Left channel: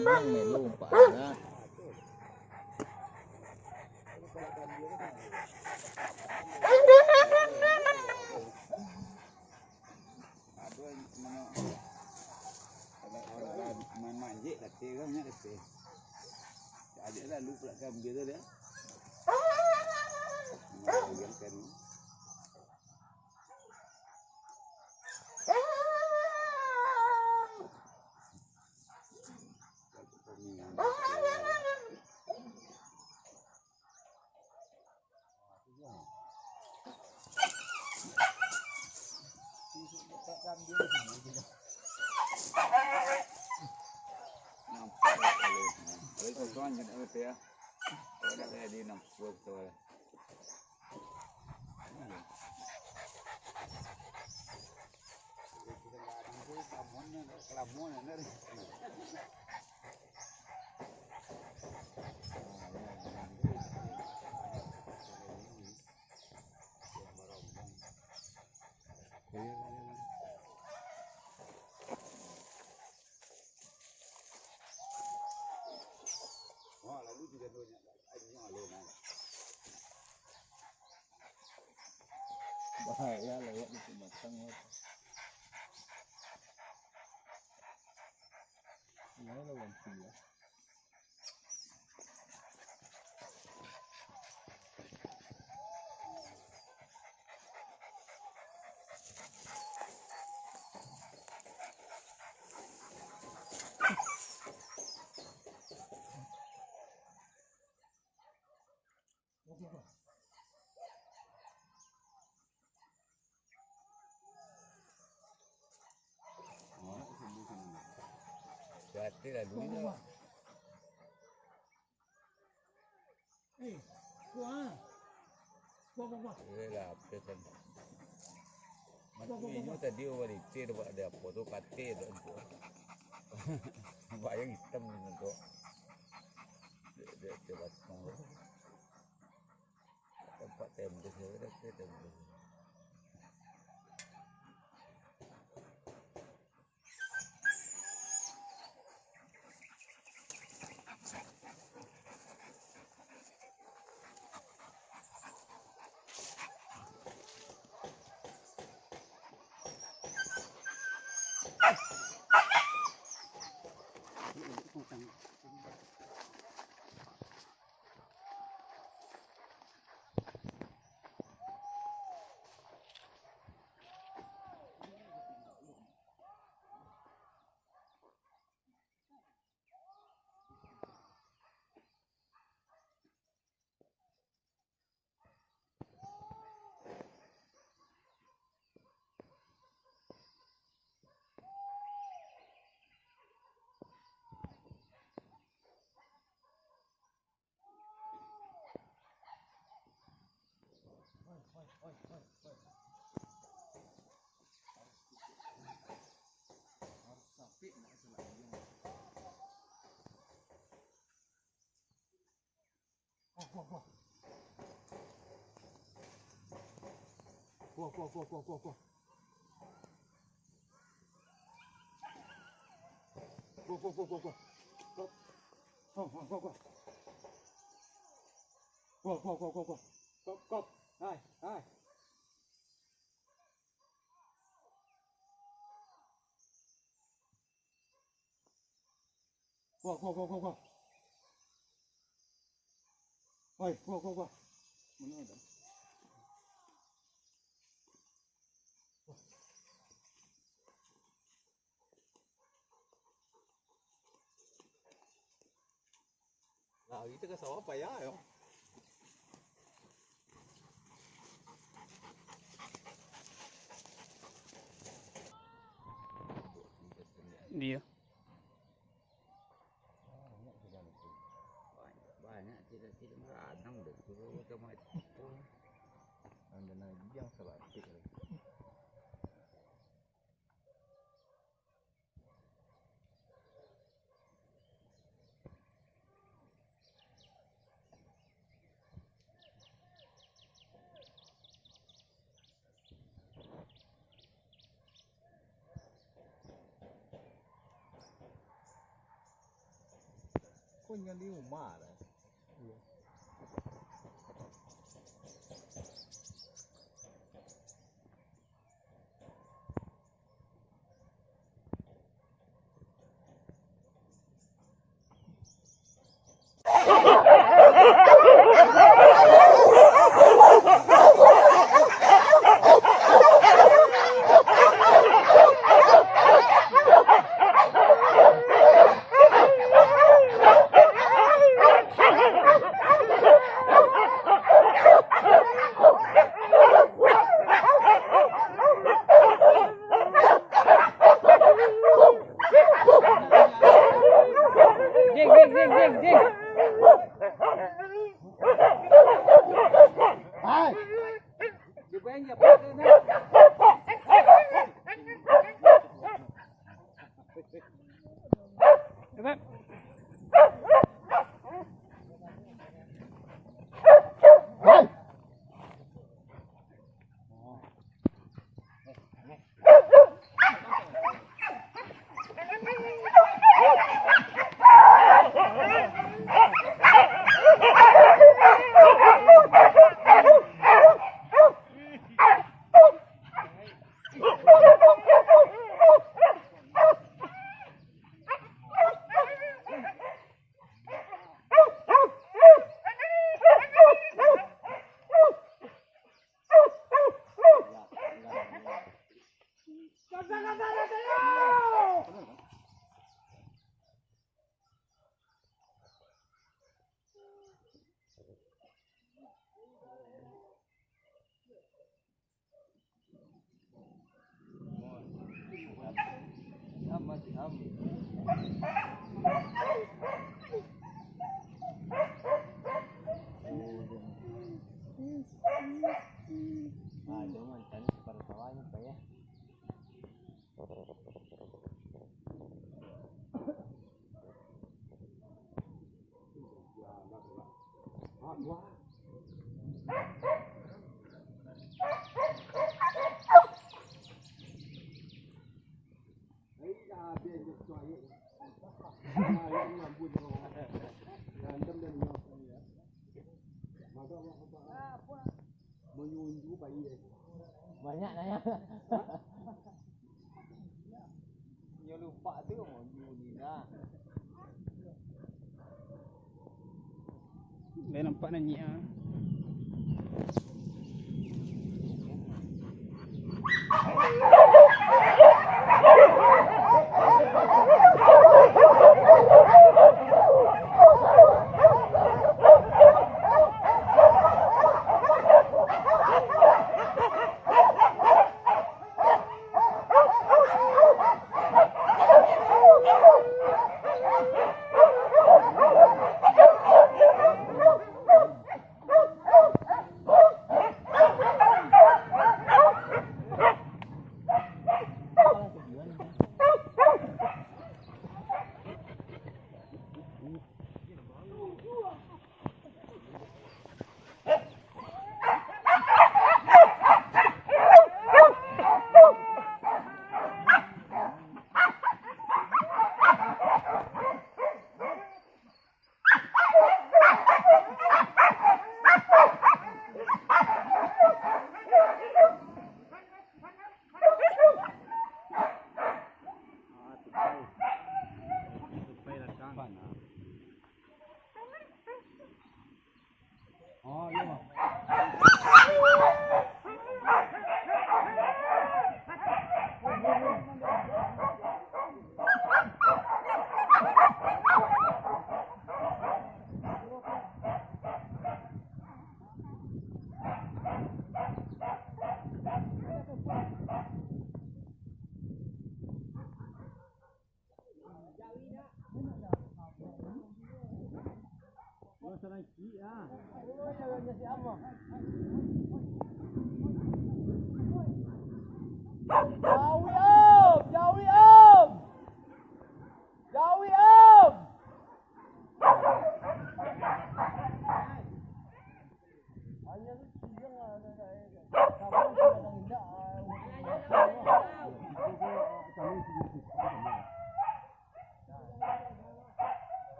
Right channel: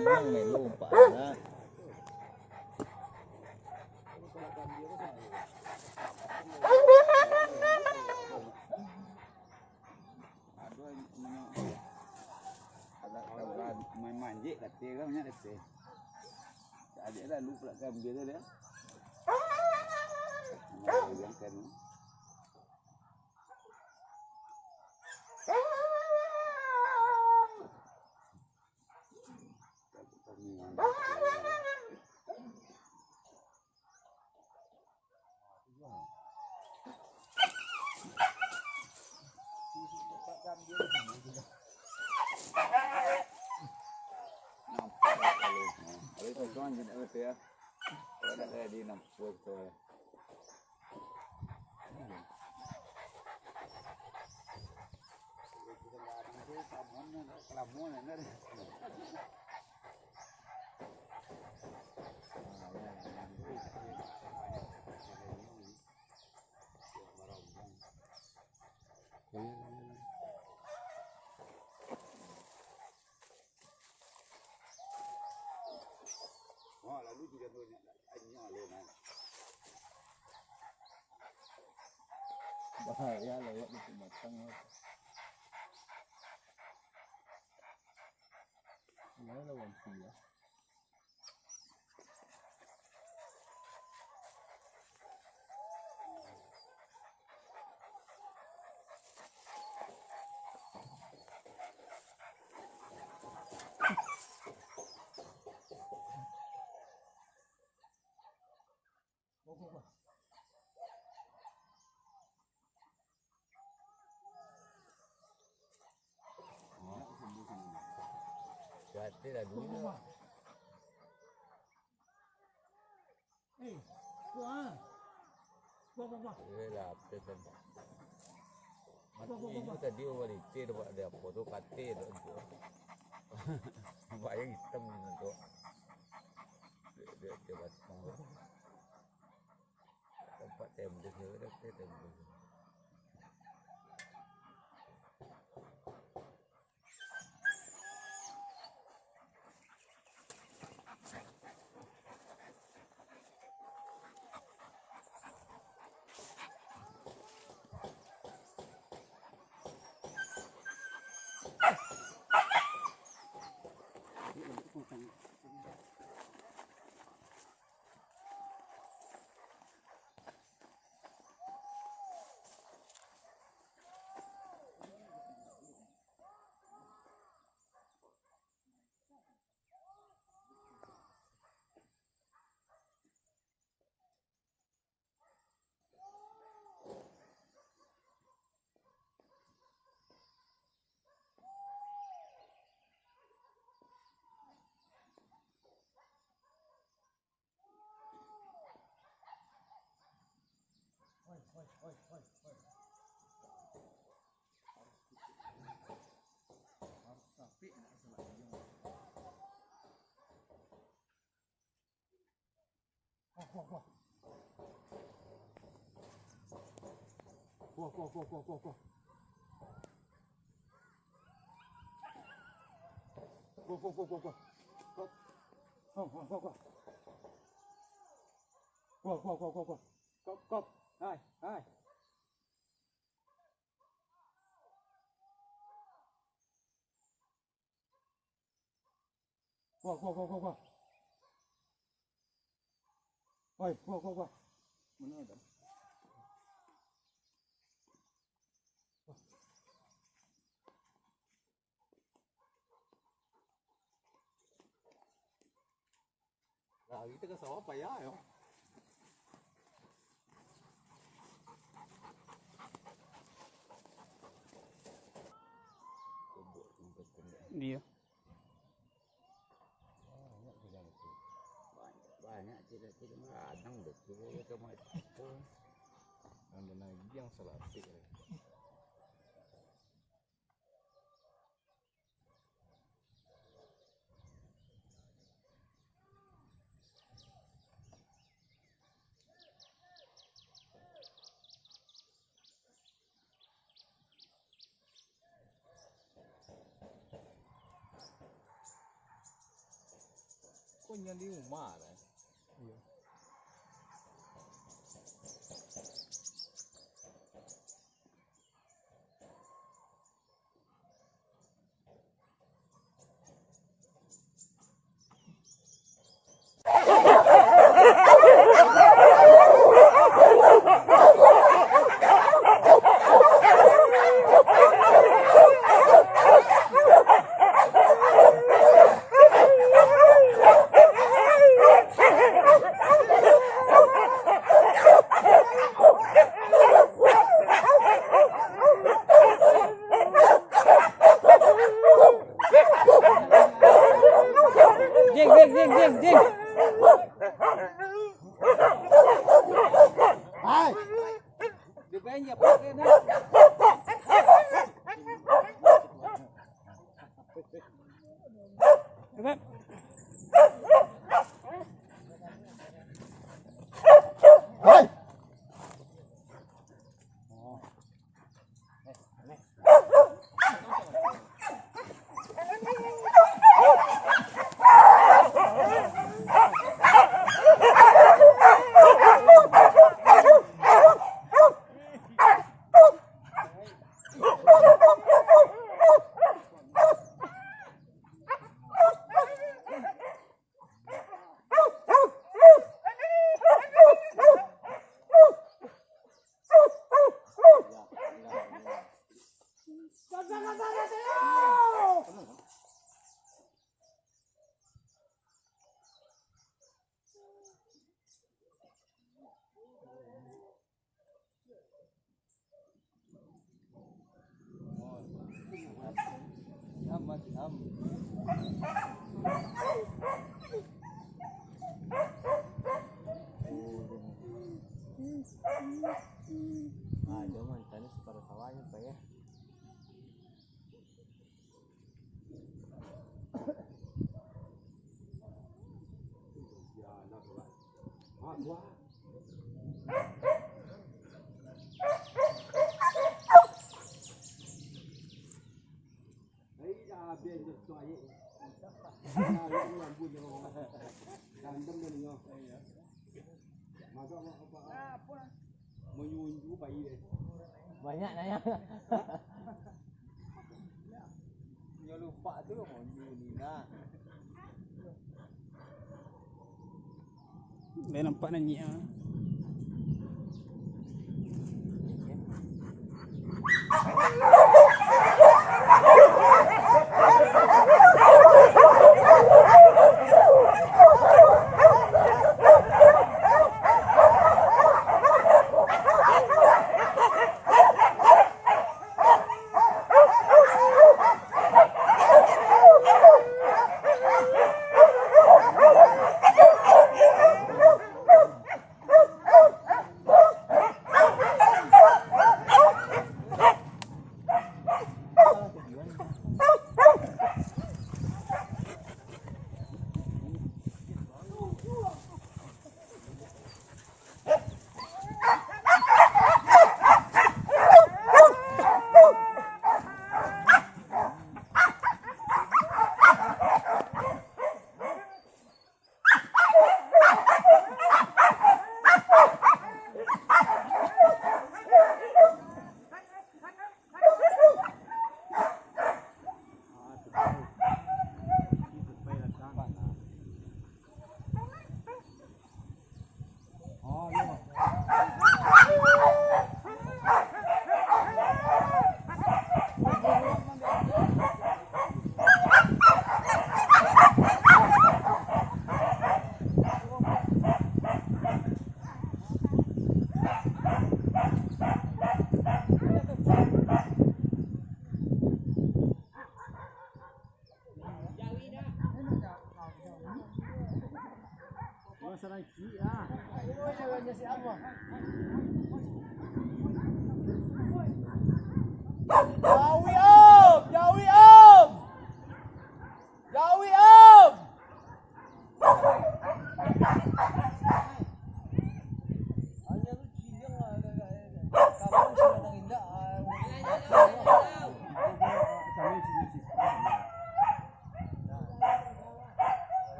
Memangไม่รู้ป่านะmanjik kata kan nya kata. Adik dah lupa kan dia tu dia. Yang kan. Con cho nó tía, nó đã đi nằm vượt rồi. Làm món này nó đi. Bahaya lewat di batang. Ini lawan dia. Berarti lah dulu. Kuah. Lah, pesan. Ini tadi orang itu ada foto kate tu. Bayang hitam tu. Dia cepat mau. Tempat tembus dia dah tembus. Harus sapi nak selagi. Cop. Hai. Go. Oi, go. Mana ada? Lah, itu ke sawah payah yo. Dia. Banyak tidak kadang betul ke macam ada lagi yang selapik lagi. pun yang di rumah lah. Jangan tanya separuh sawahnya Pak ya. Banyak nanya. Dia lupa tu Nina. Dah nampak nanya ah.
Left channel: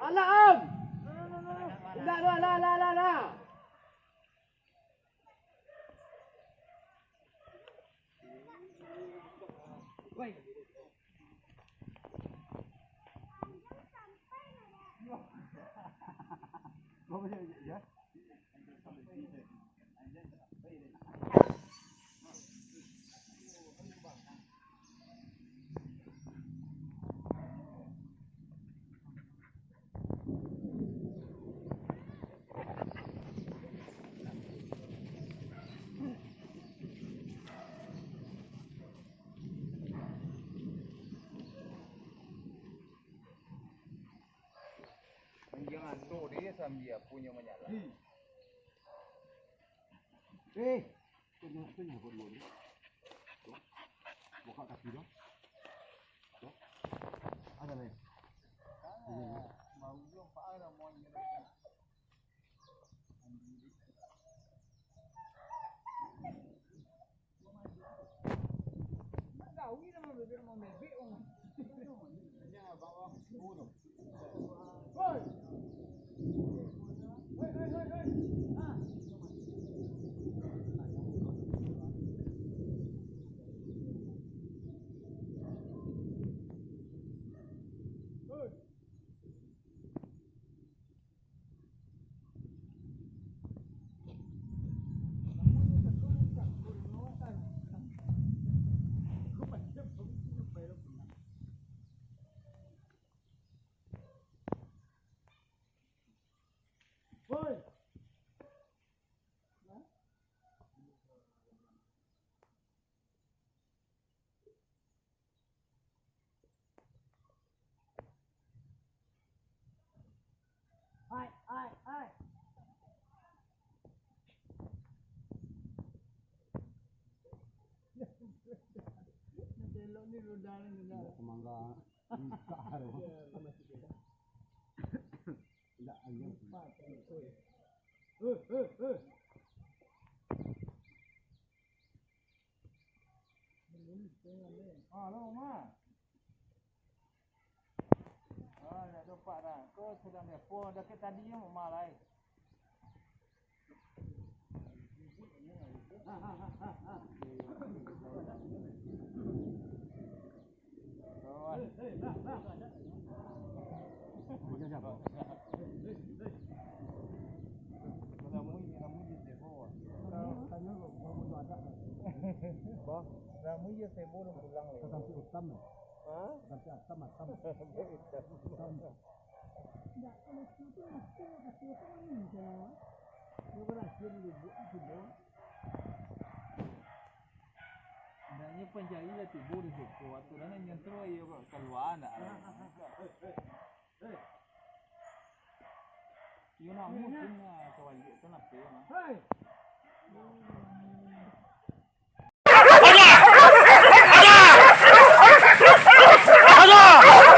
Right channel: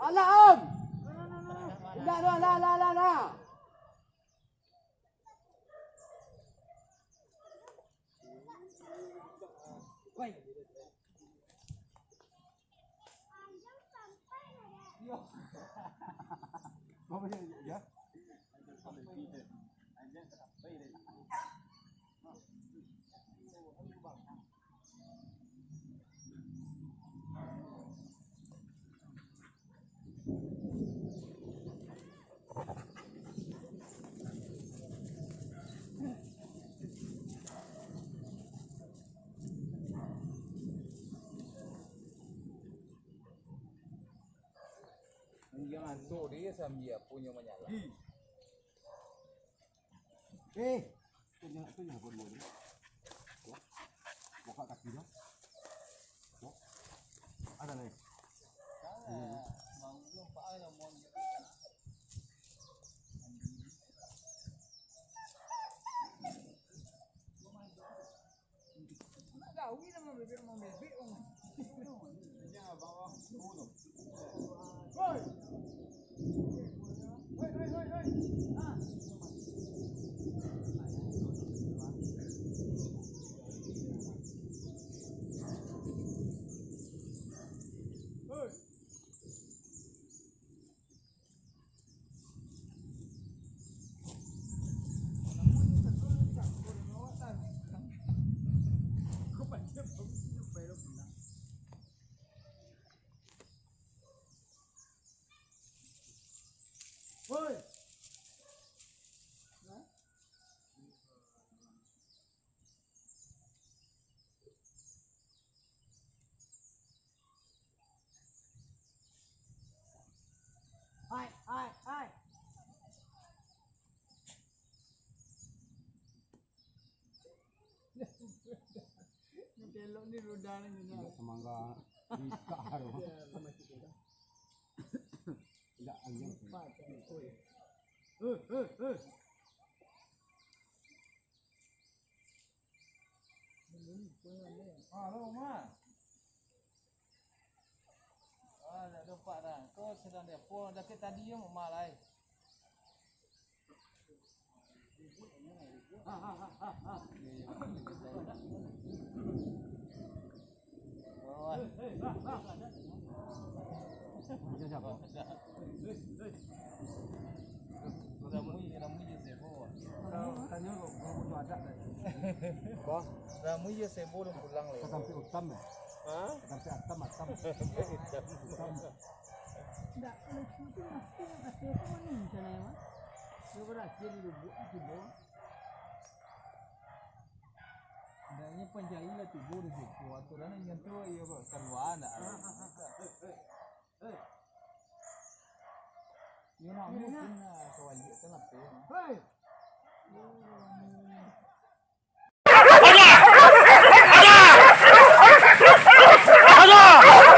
Alah Am. Dah. Woi. Apa ya? Yang antuk dia sambil punya menyala. Tu jangan buat dulu. Buka kaki dia. Ada nih. Hai. Belok ni roda ni dah. Semangga bisa harus. Enggak angin. Dah dapat dah. Kau sedang telefon dah tadi yang rumah lai. Ramu je sebo dah pulang le. Sampai utam ya? Sampai atam. Tak, kalau cuti mesti kasih aku mana macam mana mah? Dia berhasil dulu tidur. Nanya penjahit lah tidur di situ. Aturan yang nyentuh ia keluar nak. Ia nak ni pun kawai kita nak pun. Hei. Ada!